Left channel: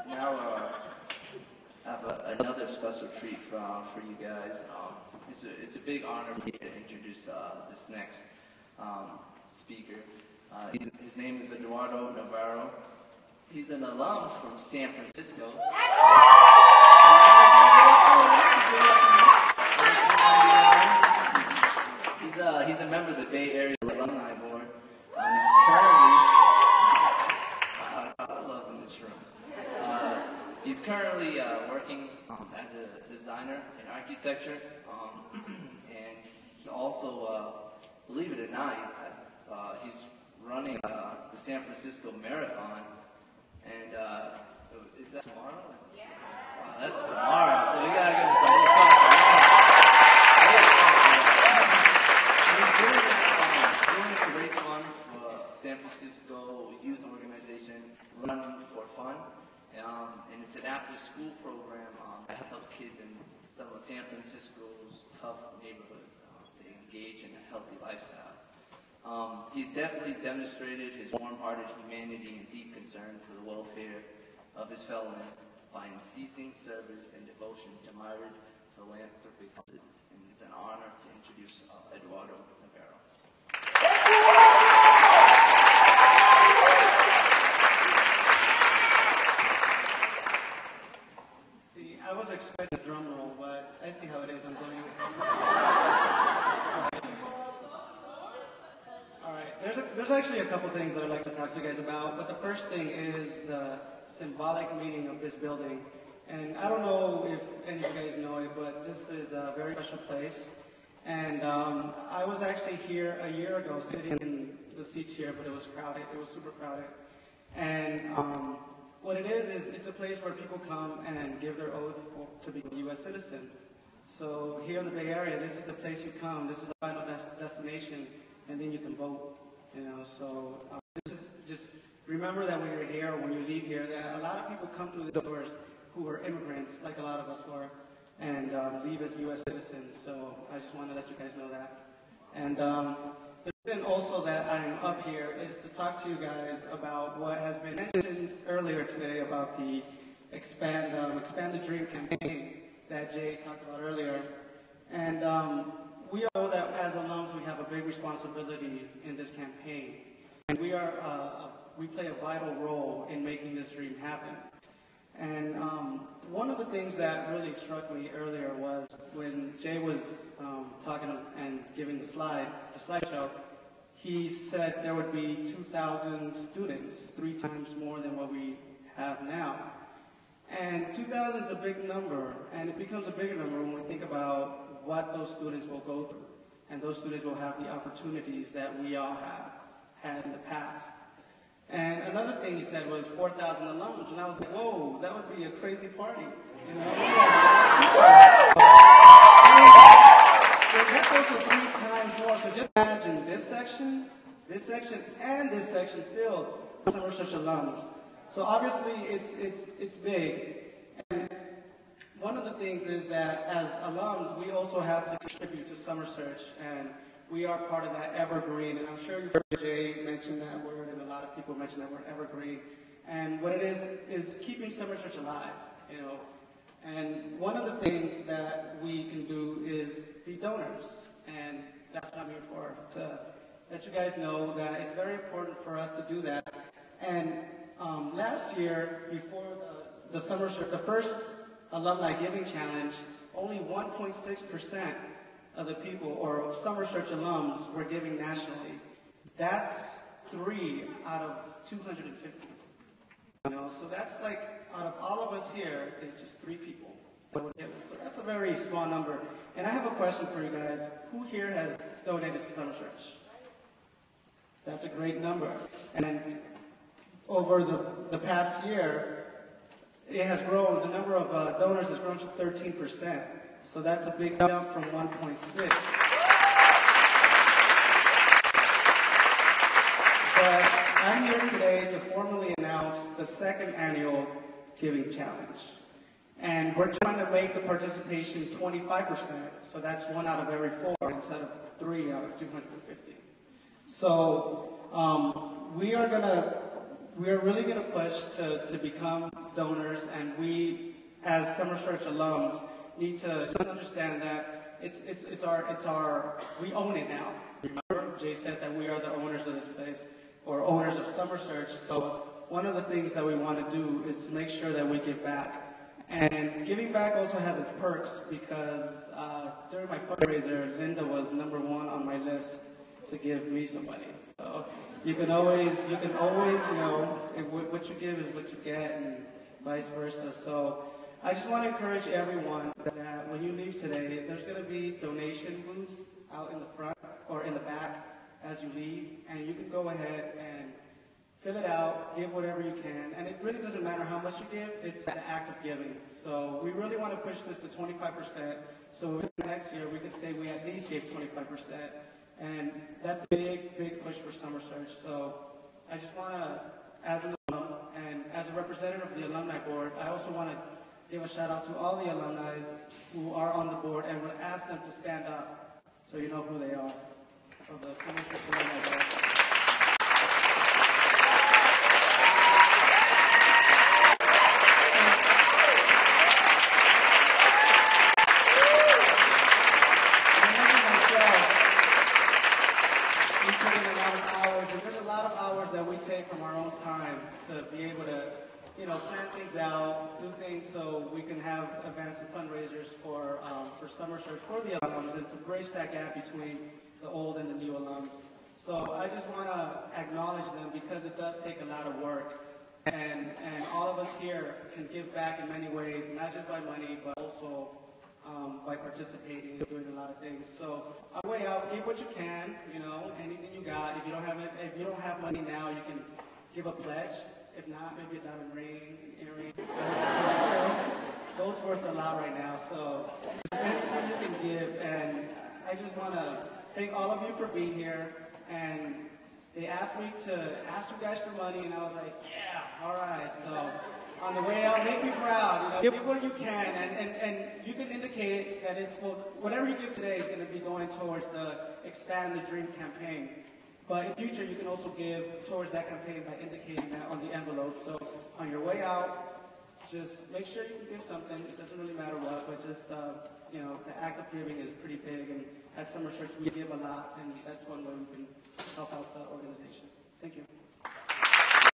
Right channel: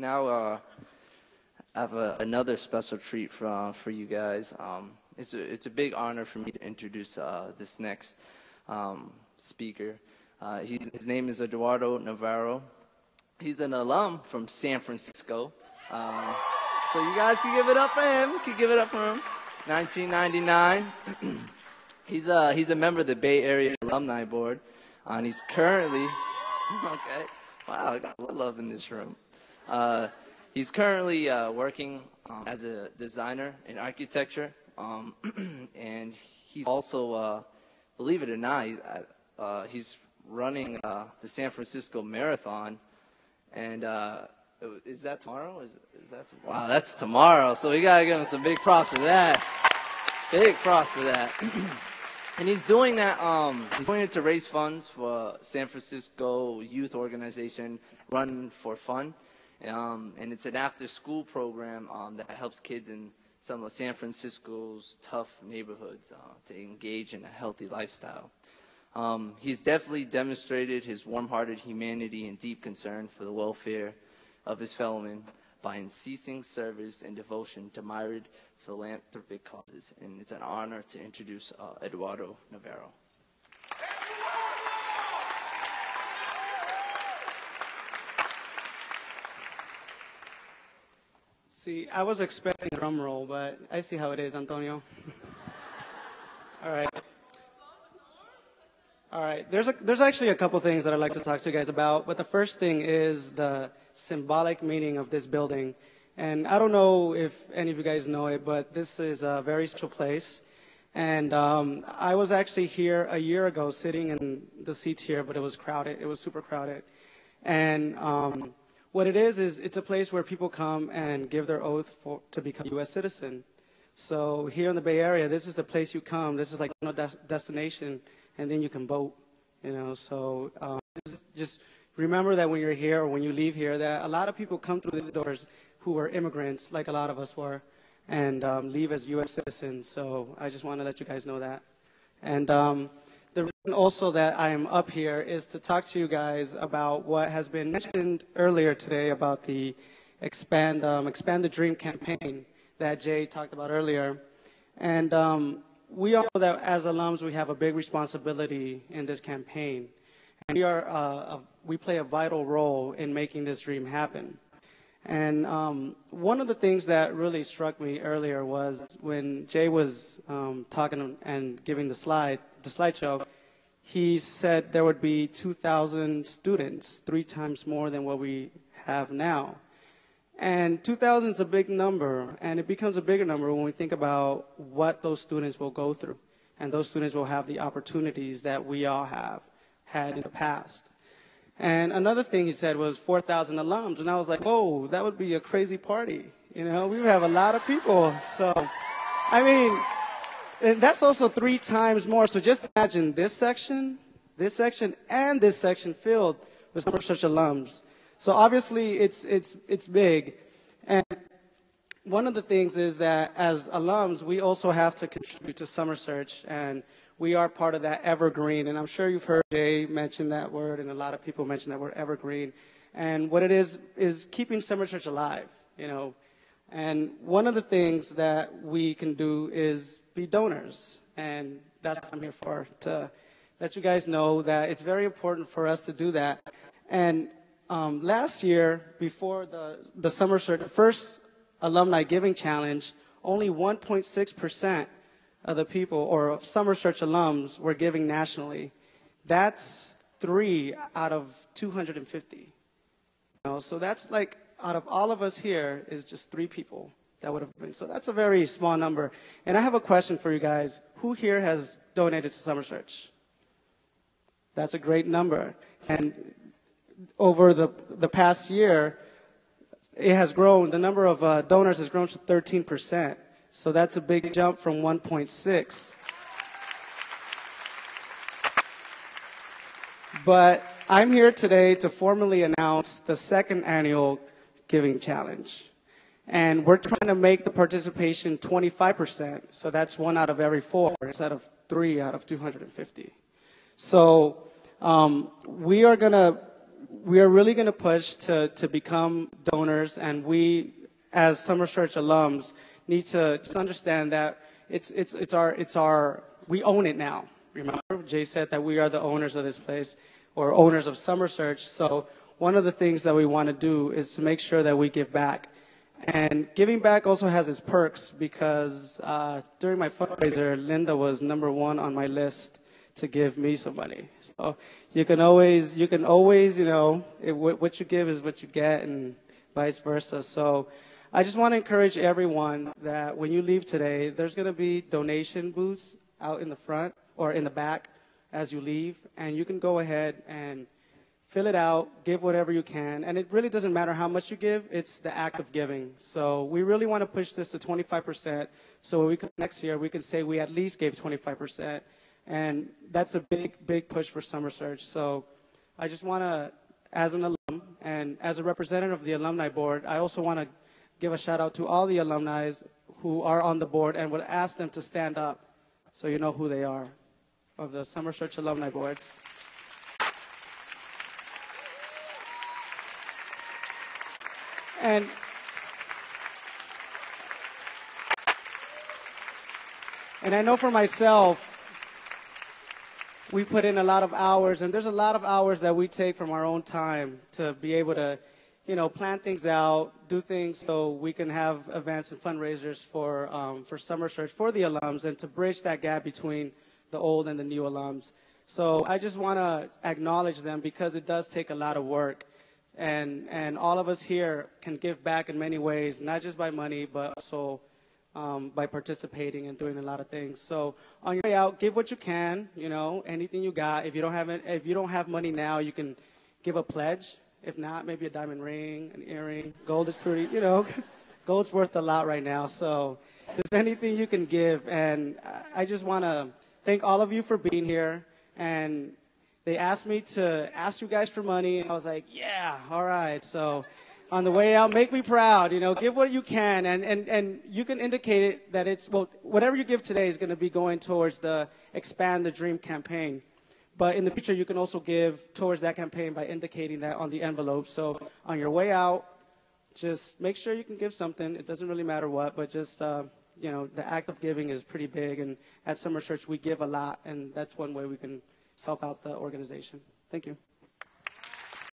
Now, I have another special treat for you guys. It's a big honor for me to introduce this next speaker. His name is Eduardo Navarro. He's an alum from San Francisco. So you guys can give it up for him. You can give it up for him. 1999. He's a member of the Bay Area Alumni Board. And he's currently, wow, I love in this room. He's currently working as a designer in architecture, and he's also, believe it or not, he's running the San Francisco Marathon, and is that tomorrow? Wow, that's tomorrow, so we gotta give him some big props for that. Big props for that. And he's doing that, he's doing it to raise funds for San Francisco youth organization, Run for Fun. And it's an after-school program that helps kids in some of San Francisco's tough neighborhoods to engage in a healthy lifestyle. He's definitely demonstrated his warm-hearted humanity and deep concern for the welfare of his fellow men by unceasing service and devotion to myriad philanthropic causes. And it's an honor to introduce Eduardo Navarro. See, I was expecting a drum roll, but I see how it is, Antonio. All right. There's actually a couple things that I'd like to talk to you guys about, but the first thing is the symbolic meaning of this building. And I don't know if any of you guys know it, but this is a very special place. And I was actually here a year ago sitting in the seats here, but it was crowded. It was super crowded. And what it is it's a place where people come and give their oath to become a U.S. citizen. So here in the Bay Area, this is the place you come. This is like a destination, and then you can vote. You know, so just remember that when you're here or when you leave here, that a lot of people come through the doors who were immigrants, like a lot of us were, and leave as U.S. citizens. So I just want to let you guys know that. And the reason also that I am up here is to talk to you guys about what has been mentioned earlier today about the Expand the Dream campaign that Jay talked about earlier. And we all know that as alums, we have a big responsibility in this campaign. And we play a vital role in making this dream happen. And one of the things that really struck me earlier was when Jay was talking and giving the slideshow, he said there would be 2,000 students, 3 times more than what we have now. And 2,000 is a big number, and it becomes a bigger number when we think about what those students will go through. And those students will have the opportunities that we all have had in the past. And another thing he said was 4,000 alums, and I was like, oh, that would be a crazy party. You know, we have a lot of people. So, I mean, and that's also 3 times more. So just imagine this section, and this section filled with Summer Search alums. So obviously, it's big. And one of the things is that as alums, we also have to contribute to Summer Search, and we are part of that evergreen, and I'm sure you've heard Jay mention that word, and a lot of people mention that word, evergreen. And what it is keeping Summer Church alive, you know. And one of the things that we can do is be donors, and that's what I'm here for, to let you guys know that it's very important for us to do that. And last year, before the Summer Church, the first Alumni Giving Challenge, only 1.6% of the people, or Summer Search alums, were giving nationally. That's 3 out of 250. You know, so that's like, out of all of us here, is just 3 people that would have given. So that's a very small number. And I have a question for you guys. Who here has donated to Summer Search? That's a great number. And over the past year, it has grown, the number of donors has grown to 13%. So that's a big jump from 1.6. But I'm here today to formally announce the 2nd annual Giving Challenge. And we're trying to make the participation 25%. So that's 1 out of every 4 instead of 3 out of 250. So we are going to we are really going to push to become donors, and we, as Summer Church alums, need to just understand that it's our we own it now. Remember, Jay said that we are the owners of this place, or owners of Summer Church. So one of the things that we want to do is to make sure that we give back. And giving back also has its perks, because during my fundraiser, Linda was #1 on my list to give me some money. So you can always, you know, what you give is what you get, and vice versa. So I just want to encourage everyone that when you leave today, there's going to be donation booths out in the front or in the back as you leave, and you can go ahead and fill it out, give whatever you can, and it really doesn't matter how much you give, it's the act of giving. So we really want to push this to 25%, so when we come next year, we can say we at least gave 25%, and that's a big, big push for Summer Church. So I just want to, as an alum, and as a representative of the Alumni Board, I also want to give a shout out to all the alumni who are on the board, and would ask them to stand up so you know who they are, of the Summer Church Alumni Board. And I know for myself, we put in a lot of hours, and there's a lot of hours that we take from our own time to be able to, you know, plan things out, do things so we can have events and fundraisers for Summer Church, for the alums, and to bridge that gap between the old and the new alums. So I just want to acknowledge them, because it does take a lot of work. And all of us here can give back in many ways, not just by money, but also by participating and doing a lot of things. So on your way out, give what you can, you know, anything you got. If you don't have money now, you can give a pledge. If not, maybe a diamond ring, an earring. Gold is pretty, you know, gold's worth a lot right now. So there's anything you can give. And I just want to thank all of you for being here. And they asked me to ask you guys for money, and I was like, yeah, all right. So on the way out, make me proud, you know, give what you can, and you can indicate it that it's, well, whatever you give today is going to be going towards the Expand the Dream campaign. But in the future, you can also give towards that campaign by indicating that on the envelope. So on your way out, just make sure you can give something. It doesn't really matter what, but just, you know, the act of giving is pretty big, and at Summer Church, we give a lot, and that's one way we can help out the organization. Thank you.